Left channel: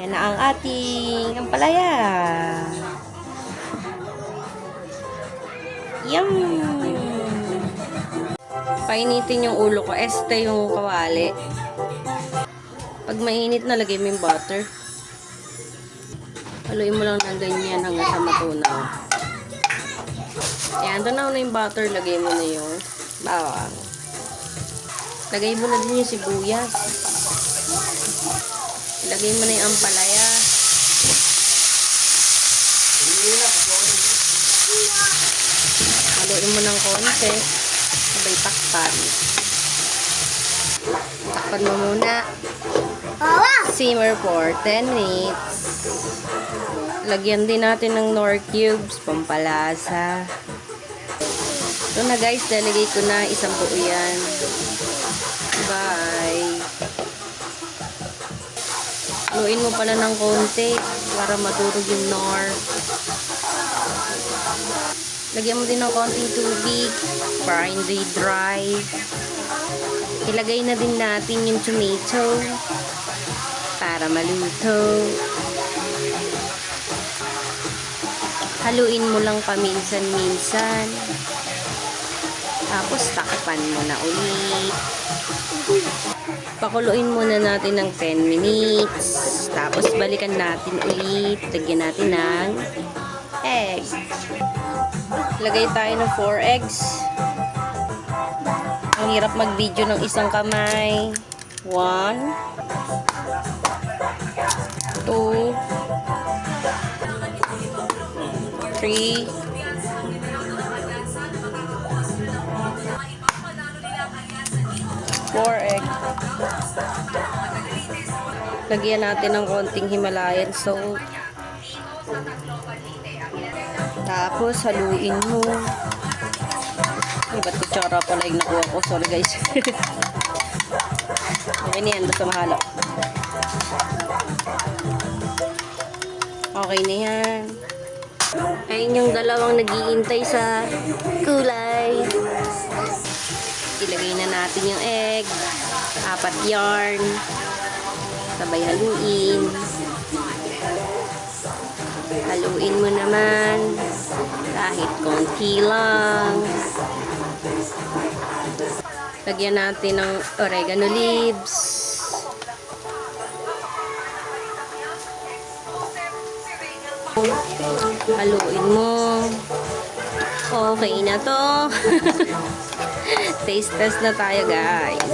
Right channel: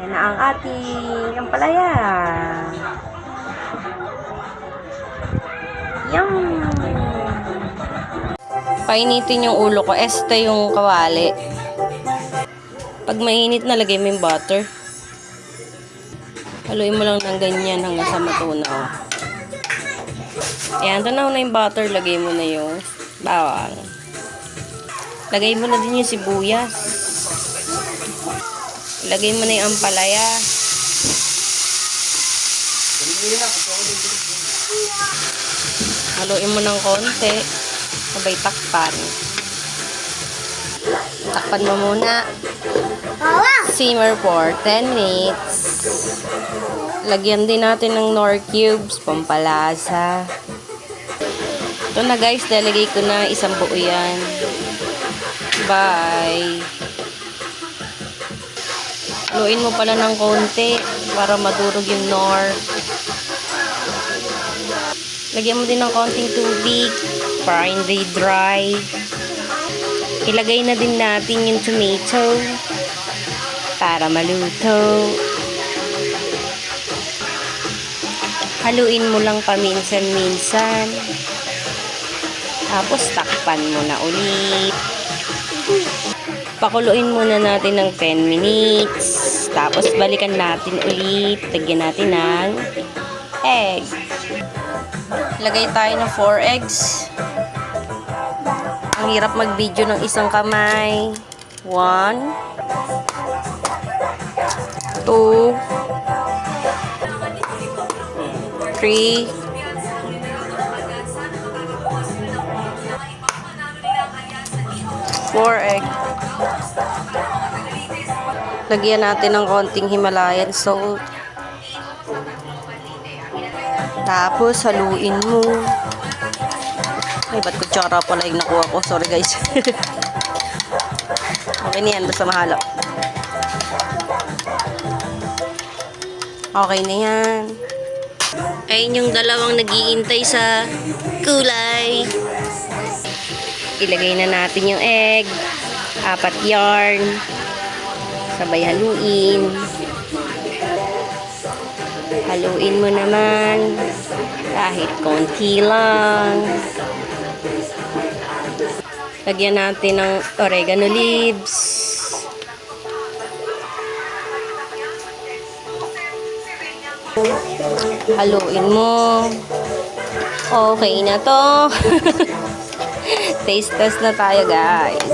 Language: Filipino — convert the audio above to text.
Yan na ang ating ampalaya. Yum! Painitin yung ulo ko. Este yung kawali. Pag mainit na, lagay mo yung butter. Haluin mo lang ng ganyan hanggang sa matunaw. Ayan, tunaw na yung butter. Lagay mo na yung bawang. Lagay mo na din yung sibuyas. Lagay mo na yung ampalaya. Haluin mo ng konti. Sabay takpan. Takpan mo muna. Simmer for 10 minutes. Lagyan din natin ng Knorr cubes, pampalasa. Ito na guys, lalagay ko na isang buo yan. Bye! Haluin mo pala ng konti para madurog yung Knorr. Lagyan mo din ng konting tubig para hindi dry. Ilagay na din natin yung tomato para maluto. Haluin mo lang paminsan-minsan. Tapos takpan mo na ulit. Pakuluin muna natin ng 10 minutes. Tapos balikan natin ulit. Lagyan natin ng egg. Lagay tayo ng 4 eggs. Ang hirap mag-video ng isang kamay. 1 2 3 4 egg. Lagyan natin ng konting Himalayan salt. Tapos haluin mo. Ay, ba't kutsara pala yung nakuha ko? Sorry guys. Okay na yan, basta mahala. Okay na yan. Ayun yung dalawang nag-iintay sa kulay. Ilagay na natin yung egg. 4 yarn. Sabay haluin. Haluin mo naman. Kahit konti lang. Lagyan natin ng oregano leaves. Haluin mo. Okay na to. Taste test na tayo guys.